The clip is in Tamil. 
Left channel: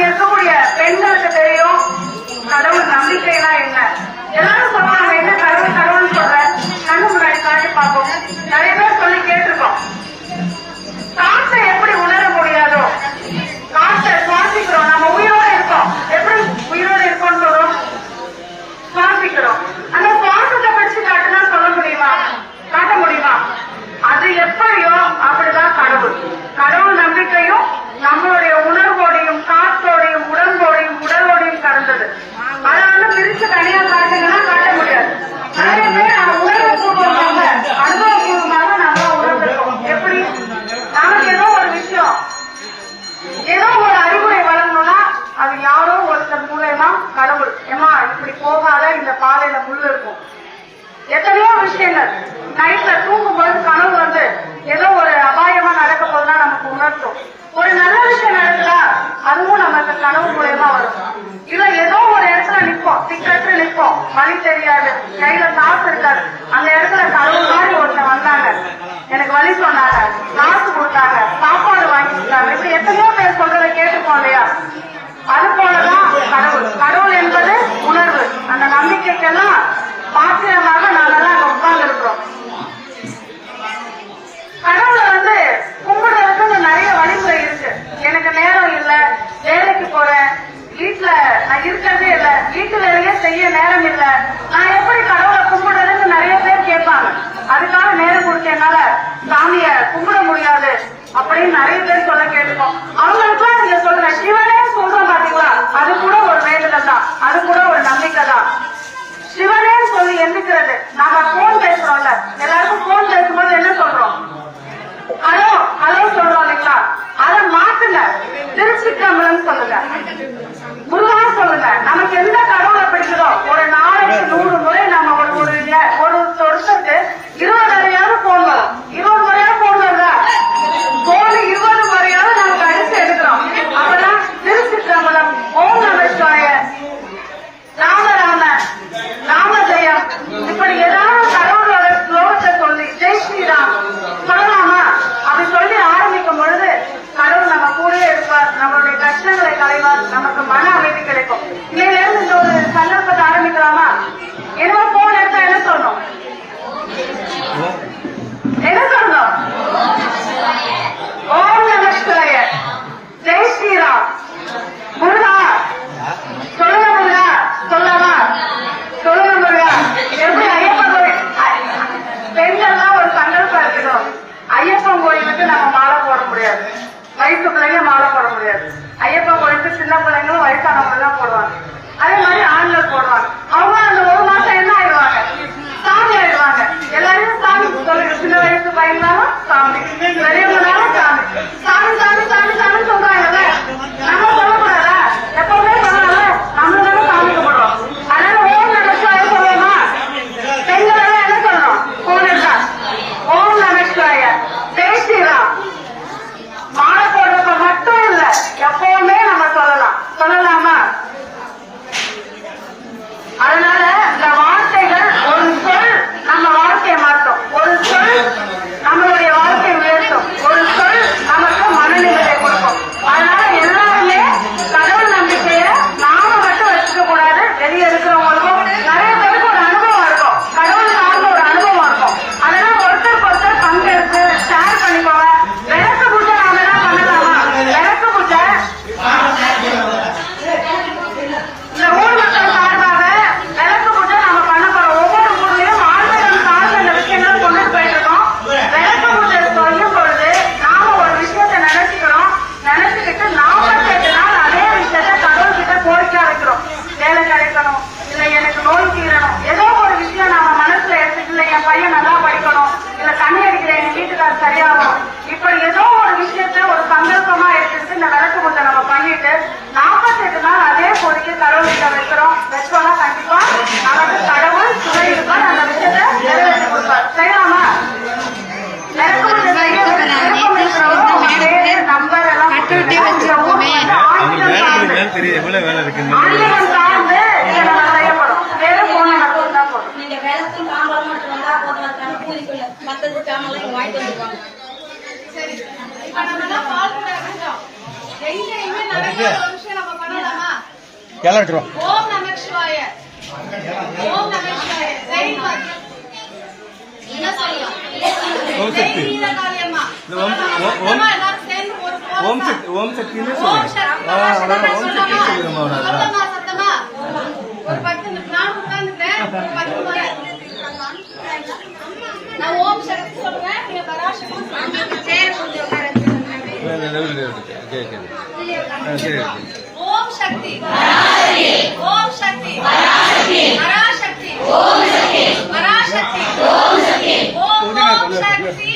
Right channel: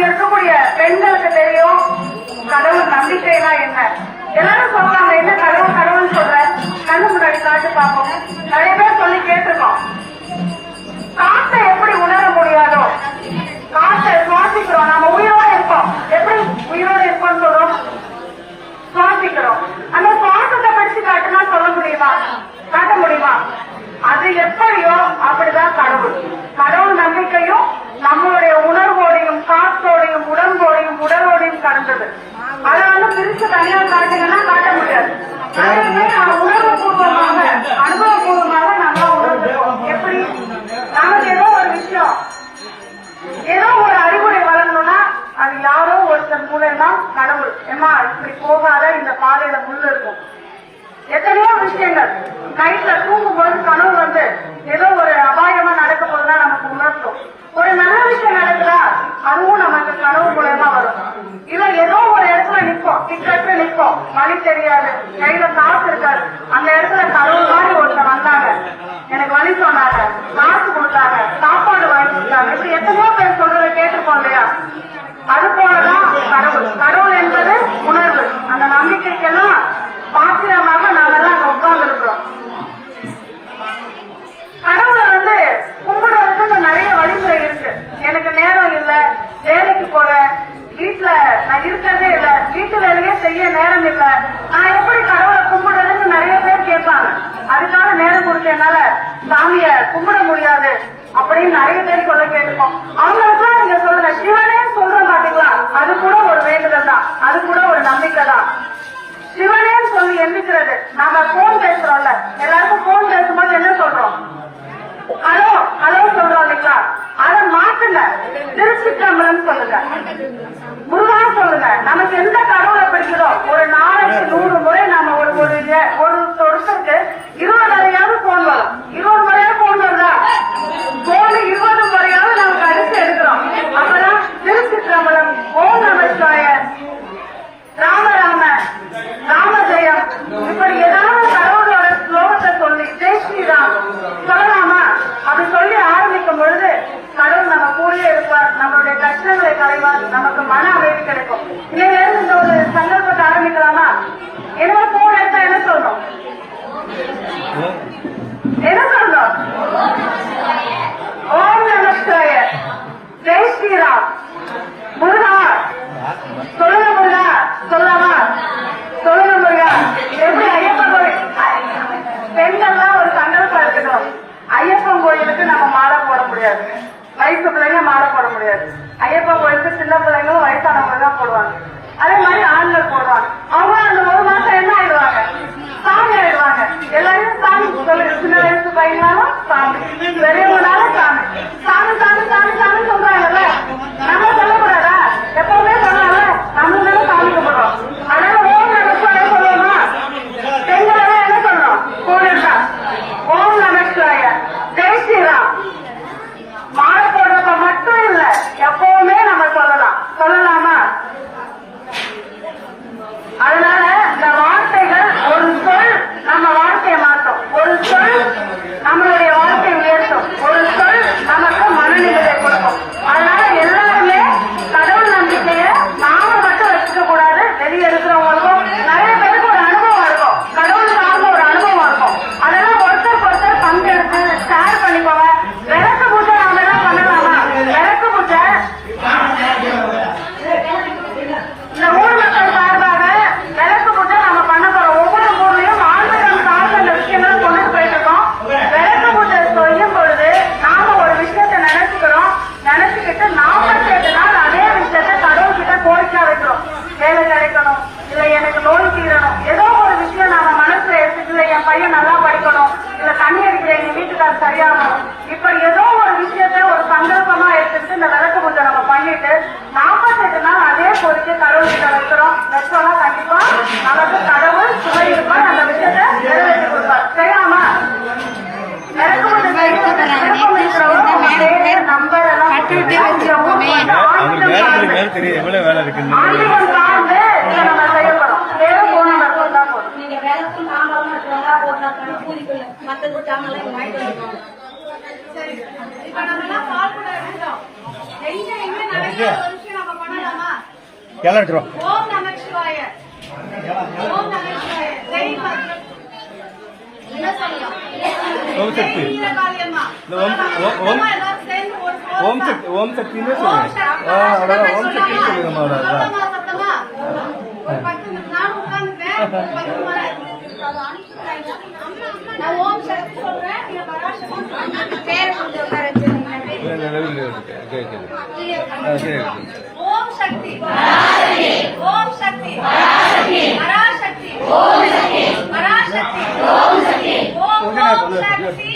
இங்க இருக்கக்கூடிய பெண்களுக்கு தெரியும் கடவுள் நம்பிக்கைனா என்ன. எல்லாரும் சொல்றாங்க என்ன கடவுள் கடவுள்னு சொல்றேன், கண்ணு முன்னாடி காட்டு பார்ப்போம். நிறைய பேர் சொல்லி கேட்டிருக்கோம். காற்றை எப்படி உணர முடியாதோ, காற்றை சுவாசிக்கிறோம், நம்ம உயிரோட இருக்கோம். எப்படி உயிரோட இருக்கோம்னு சொல்றோம்? சுவாசிக்கிறோம். அந்த சுவாசத்தை படிச்சு காட்டுனா சொல்ல முடியுமா? காட்ட முடியுமா? அது எப்படியோ அப்படிதான் கடவுள். கடவுள் நம்பிக்கையும் நம்மளுடைய உணர்வோடையும் காற்றோடையும் உடம்போடையும் உடலோடையும் கலந்தது. அதை பிரிச்சு தனியா காட்டீங்கன்னா காட்ட முடியாது. நம்ம உணர்வுபூர்வமாக அனுபவபூர்வமாக நம்ம உணர்ந்துருக்கோம். எப்படி நமக்கு ஏதோ ஒரு விஷயம், ஏதோ ஒரு அறிவுரை வழங்கணும்னா அது யாரோ ஒருத்தர் மூலமா கடவுள் ஏமா இப்படி போகாத, இந்த பாதையில முள்ளு இருக்கும். எத்தனையோ விஷயங்கள் நைட்ல தூங்கும் போது கனவு வந்து ஏதோ ஒரு அபாயமா நடக்க போதுதான் நமக்கு உணர்த்தும். ஒரு நல்ல விஷயம் நடக்குதா அதுவும் நமக்கு கனவு மூலமா வரும். இல்ல ஏதோ ஒரு இடத்துல நிற்போம், திக்கற்று நிற்போம், வழி தெரியாது, கையில காசு இருக்காது. அந்த இடத்துல கனவு மாதிரி ஒருத்தர் வந்தாங்க, எனக்கு வழி சொன்னாங்க, காசு கொடுத்தாங்க, சாப்பாடு வாங்கி கொடுத்தாங்க. இப்ப எத்தனையோ பேர் சொல்றதை கேட்டுப்போம் இல்லையா? அது போலதான் கடவுள். கடவுள் என்பது உணர்வு. அந்த நம்பிக்கைக்கெல்லாம் பாத்திரமாக நாங்கெல்லாம் உட்கார்ந்து இருக்கிறோம். கடவுளை கும்பிடுறதுக்கு நிறைய வழிமுறை இருக்கு. எனக்கு நேரம் இல்ல, வேலைக்கு போறேன், வீட்டுல நான் இருக்கிறதே இல்ல, வீட்டு வேலையே செய்ய நேரம் இல்ல, நான் எப்படி கடவுளை கும்பிடுறதுன்னு நிறைய பேர் கேட்பாங்க. அதுக்காக நேரம் கொடுத்தனால சாமிய கும்பிட முடியாது அப்படின்னு நிறைய பேர் சொல்ல கேட்டுக்கோம். அவங்களுக்குலாம் நீங்க சொல்ற சிவனே சொல்ற மாட்டீங்களா? அது கூட ஒரு வேண்டுதல் தான், அது கூட ஒரு நம்பிக்கை தான். சிவனே சொல்லி எந்திக்கிறது. நாம போன் பேசுறோம்ல, எல்லாருக்கும் போன் பேசும்போது என்ன சொல்றோம்? ஹலோ ஹலோ சொல்றோம் இல்லைங்களா? அதை மாத்துங்க, திருச்சிற்றம்பலம் சொல்லுங்க, முருகா சொல்லுங்க. நமக்கு எந்த கடவுளை பிடிக்குதோ ஒரு நாளைக்கு 100 முறை நாம ஒரு வருஷத்துக்கு 20 முறையாவது போன் வரும். 20 முறையாவது போன் வருதா? போன் 20 முறையாவது நமக்கு அடிச்சு எடுக்கிறோம். அப்பதான் திருச்சிற்றம்பலம், ஓம் நமச்சிவாய, ராம ராம ராம ஜெயம், இப்படி ஏதாவது கடவுளோட ஸ்லோகத்தை சொல்லி ஜெய் ஸ்ரீராம் சொல்லலாமா? அப்படி சொல்லி ஆரம்பிக்கும் பொழுது கடவுள் நம்ம கூடவே இருப்பார், நம்மளுடைய கஷ்டங்களை களைவார், நமக்கு மன அமைதி கிடைக்கும். இதிலிருந்து இந்த ஒரு சந்தர்ப்பத்தை ஆரம்பிக்கலாமா? என்னோட போன் எடுத்தா என்ன சொல்லணும்? என்ன சொல்லணும்? ஓம் நமச்சிவாய, ஜெய் ஸ்ரீராம், முருகா சொல்லுங்க, முருகா சொல்லலாமா? சொல்லுங்க முருகா. எப்படி ஐயப்பன் கோயில் பெண்கள்லாம் ஒரு சந்தர்ப்பம் இருக்கணும். ஐயப்பன் கோயிலுக்கு நம்ம மாலை போட முடியாது, வயசு பிள்ளைங்க மாலை போட முடியாது. ஐயப்பன் கோயிலுக்கு சின்ன பிள்ளைங்களும் வயசானவங்க தான் போடுவாங்க. அதே மாதிரி ஆண்கள் போடுவாங்க. அவங்க அந்த ஒரு மாசம் என்ன ஆயிடுவாங்க? சாமி ஆயிடுவாங்க. எல்லாரையும் சாமி சொல்லுங்க. சின்ன வயசு பையனாலும் சாமி, பெரியவங்களாலும் சாமி, சாமி சாமி சாமி சாமி சொல்றாங்கல்ல. நம்ம சொல்லக்கூடாதா? எப்பவுமே சொன்னால நம்ம தானே சாமி கும்பிடுறோம். அதனால ஓம் நமச்சிவாய சொல்லுவோமா? பெண்களை என்ன சொல்லணும்? கோவில்கா ஓம் நமச்சிவாய, ஜெய் ஸ்ரீராம். மாலை போடுறப்ப மட்டும் இல்ல, எப்பவுமே நம்ம சொல்லலாம். சொல்லலாமா? அதனால இந்த வார்த்தைகள், ஒரு சொல் நம்ம வாழ்க்கையை மாற்றும், ஒரு சொல் நம்மளுடைய வாழ்க்கையை உயர்த்தும், ஒரு சொல் நமக்கு மனநிலையை கொடுக்கும். அதனால எல்லாருமே கடவுள் நம்பிக்கைய நாம மட்டும் வச்சுக்க கூடாது. வெளியே இருக்கிறவங்களுக்கும் நிறைய பேருக்கு ஒரு அனுபவம் இருக்கும், கடவுள் சார்ந்த ஒரு அனுபவம் இருக்கும். அதெல்லாம் ஒருத்தருக்கு ஒருத்தர் பங்கெடுத்து ஷேர் பண்ணிக்கோங்க. விளக்கு பூஜை நாம என்ன பண்ணலாமா? விளக்கு பூஜை இந்த ஊர் மக்கள் சார்பாக விளக்கு பூஜை நாம பண்ண போறோம். ஒவ்வொரு ஊர்லயும் ஆன்மீகம் சார்ந்த இந்த விஷயங்கள் கொண்டுட்டு போயிட்டு இருக்கோம். விளக்கு பூஜை சொல்லும் பொழுது நாம ஒரு விஷயத்தை நினைச்சுக்கிறோம், நினைச்சுக்கிட்டு நாம கேட்டனால அதே விஷயத்த கடவுள் கிட்ட கோரிக்கை வைக்கிறோம். வேலை கிடைக்கணும், இல்ல எனக்கு நோய் தீரணும், ஏதோ ஒரு விஷயம் நாம மனசுல எடுத்துக்கல, என் பையன் நல்லா படிக்கணும், இல்ல தண்ணி அடிக்கிற எங்க வீட்டுக்காரர் சரியாகணும், இப்ப ஏதோ ஒரு விஷயத்த ஒரு சந்தர்ப்பமா எடுத்துட்டு இந்த விளக்கு பூஜை நம்ம பண்ணிட்டு 48 நாள் அதே கோரிக்கை கடவுள் கிட்ட வைக்கிறோம். வச்சோம்னா கண்டிப்பா அவருக்கு கடவுள் துணை இருப்பார், அந்த விஷயத்த நிறைவேற்றி கொடுப்பார். செய்யலாமா? நீங்க விளக்கும் தாம்பரம் எடுத்துவா போதும், பூரிக்குள்ள மற்றது சாமெல்லாம் வாங்கிட்டு வந்துருவாங்க. சரி, இப்ப நம்ம எல்லாம் பால் கூட இருக்கோம். டெய்லியுமே நிறைய விஷயம் நம்ம எல்லாம் எடுத்துருவோம். ஓம் நம சிவாய. ஓம் நம சிவாய. ஜெய் பாக்கியம். என்ன சொல்லலாம்? ஓம் சக்தி. ஜெய் வீரகாளியம்மா. ஓம் மொத்தமா எல்லாரும் சேர்ந்து ஒரு ஓம் கோலம் சக்தி, ஓம் சக்தின்னு ஓம் சொல்லுங்க. சக்தி பராசக்தி ஓம் சக்தி சொல்லலாமா? சொல்லுங்க. சத்தமா சத்தமா ஒரு 10 நிமிஷம் நான் உட்கார்ந்துட்டேன். ஒரு 10 மணி நான் ஓம் சக்தி சொல்றேன். நீங்க பராசக்தி சேர கொஞ்சம் உட்காருங்க. ஓம் சக்தி ஓம் சக்தி பராசக்தி பராசக்தி ஓம் ஓம் சக்தி